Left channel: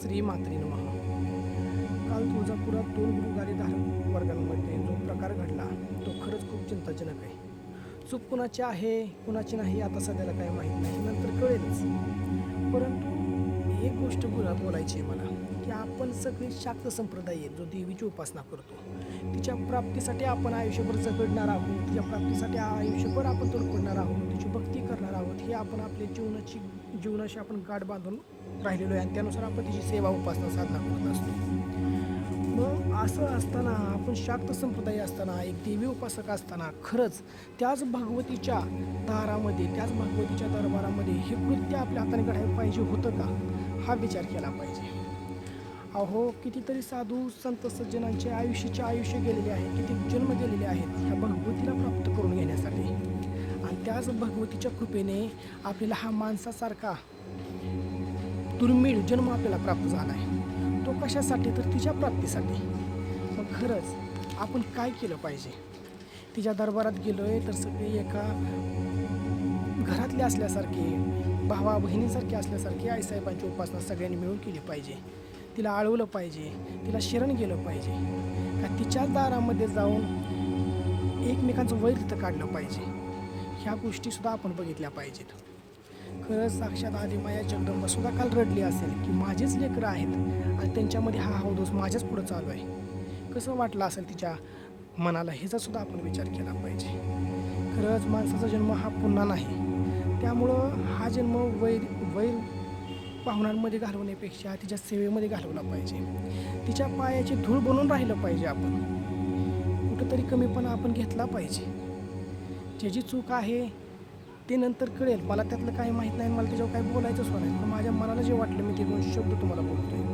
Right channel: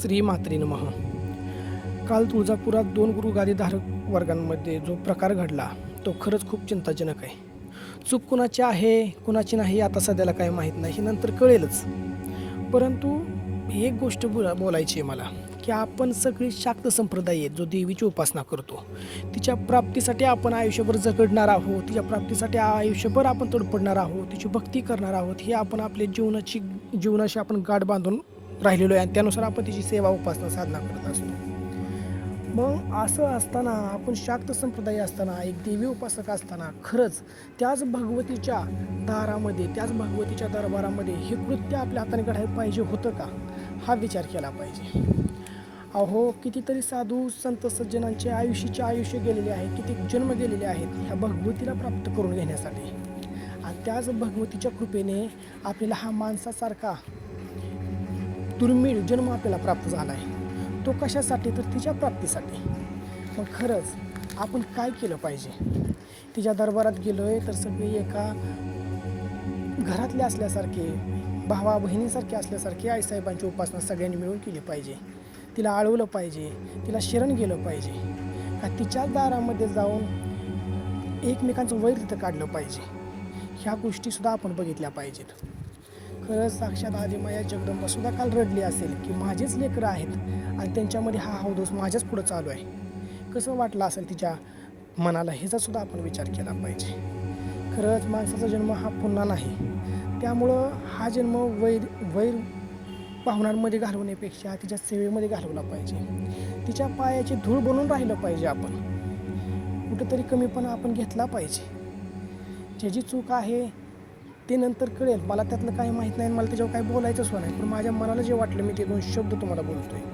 श्री मात्रे नमः. काल तुळजापुरात 2 गुरुगादीधारक वर्गांमध्ये जो प्रकार घडला तो खरंच खूप चिंताजनक आहे. चूक कुणाची आहे कुणाची नाही आता सध्याला काही माहीत नाही, हे नंतर कळेलच. परंतु एक गोष्ट बोलायची आहे मला, की आपण सगळे शाक्त संप्रदाय आहेत जो देवीची उपासना करतो. तिच्या प्राप्तीसाठी आपण आयुष्यभर झगडणार आहोत, तिच्या प्राप्तीसाठी आयुष्यभर आपण तडपडणार आहोत, तिची भक्ती करणार आहोत. हे आपण आपल्या जीवनाशी आपण गाठ बांधून राहिलेलो आहे आणि त्यानुसार आपण तिची सेवा उपासना साधना करत असतो. मग असं असताना आपण शाक्त संप्रदाय असताना एक देवी उपासक असताना खरंच त्याच भगवतीच्या दारामध्ये त्याच भगवतीच्या दरबारामध्ये हे कृत्य आपल्या हाताने घडायला पाहिजे होतं का, हा विचार केला पाहिजे. अहो, कितीतरी साधू संत सज्जनांचे आयुष्य गेलेले आहेत, किती जन्म गेलेले आहेत ह्या भगवतीला प्राप्त करून घेण्यासाठी. आणि त्याच भगवतीच्या कृपेने आपल्याला हा माणसासारखा दुर्मिळ जन्म आपल्याला प्राप्त झाला आहे. तो कशासाठी, तर तिच्या प्राप्तीसाठी. मग खरंच आपण काय केलं पाहिजे? तिच्या दरबारात गेलो आहे तर सगळे एका घरातले असल्यासारखे, भावा बहिणीसारखे असल्यासारखे आईसाहेबांची उपासना सगळ्यांनी मिळून केली पाहिजे. तिला आळवलं पाहिजे, तिला शरण गेलं पाहिजे. का तिच्याच दारामध्ये जाऊन एकमेकांचं वैर तिथं काढलं पाहिजे. ह्या गोष्टीसुद्धा आपण बघितल्या पाहिजेत. खरंच साक्षात आदिमाया जगदंबा सुद्धा काल रडली असेल की माझेच लेकरं आहेत आणि त्यांच्यामध्ये हा अवधूत माझ्याच पुढं चालू आहे. कसं वाटलं असेल तिच्या मनाला, ह्याचा सुद्धा आपण विचार केला पाहिजे. खरंच माणसाचा जन्म हा पुन्हा नाही, त्यामुळं हा जन्म वैर पाहुण्यांमध्ये घालवण्यापेक्षा तिच्या सेवेमध्ये घालवला पाहिजे. तिच्या पायाची धूळ बनून राहिलं पाहिजे. आपण कुठंतरी कमीपणा आपण घेतला पाहिजे. ज्याची चूक आहे ते नंतर कळेल. मला त्यातलं काही माहीत नाही, मला त्याच्यावर काही बोलायचंच नाही, पण माझ्या मनाला जे वाटलं मी ते 2 शब्द तुम्हाला बोलतोय.